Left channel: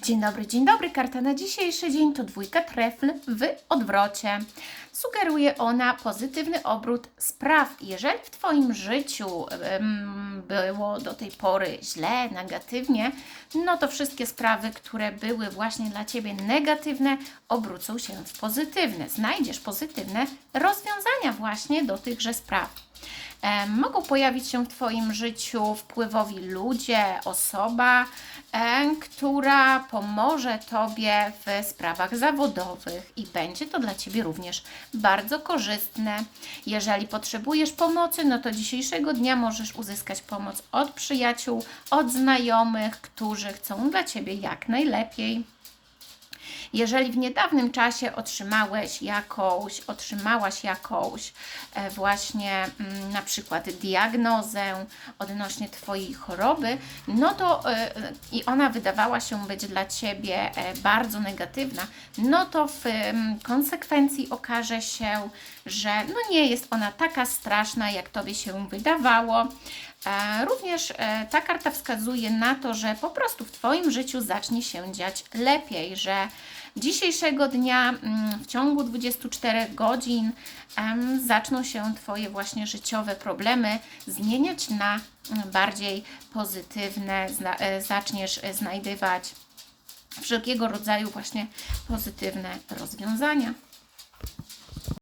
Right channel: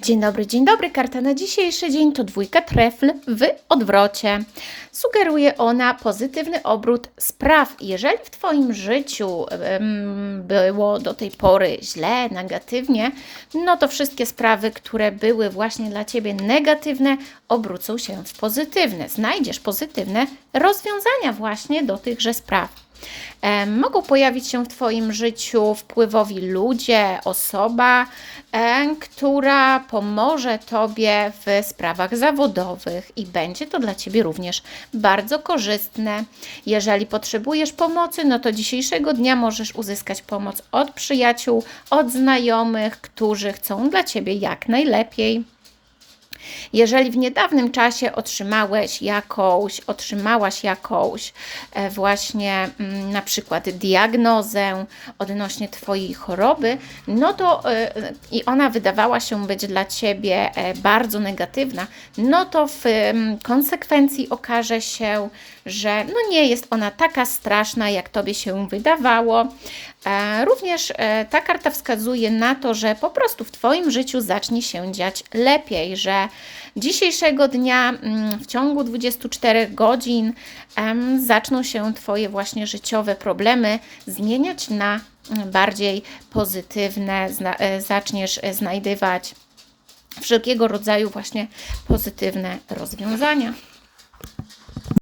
Dzień dobry, dzień dobry. Karta na dzisiejszy dzień to dwójka trefl w odwrocie. Sugeruje ona pozytywny obrót spraw. Jeżeli w Twoim życiu było do tej pory źle, negatywnie, no to wszystkie sprawy, które były właśnie dla Ciebie negatywne, obrócą się w pozytywne. Znajdziesz pozytywne rozwiązania właśnie do tychże spraw. Mogą pojawić się w Twoim życiu wpływowi ludzie, osoba, która pomoże Tobie w sprawach zawodowych i będzie to dla Ciebie również bardzo korzystne. Jeżeli potrzebujesz pomocy, no to dzisiejszego dnia możesz uzyskać pomoc od przyjaciół, od znajomych, którzy chcą dla Ciebie jak najlepiej. Jeżeli w niedawnym czasie otrzymałeś jakąś, otrzymałaś jakąś e, właśnie mm, na przykład diagnozę odnośnie Twojej choroby, no to e, i ona wydawała się być dla Ciebie e, bardzo negatywna, no to w em, konsekwencji okaże się, że no nie jest ona taka straszna, jak Tobie się wydawało. Również ta karta wskazuje na to, że po prostu w Twoim życiu zacznie się dziać lepiej, że dzisiejszego dnia mm, w ciągu 24 godzin zaczną się Twoje właśnie życiowe problemy zmieniać na mm, bardziej pozytywne, e, zaczniesz e, znajdywać wszelkiego rodzaju właśnie pozytywne rozwiązania.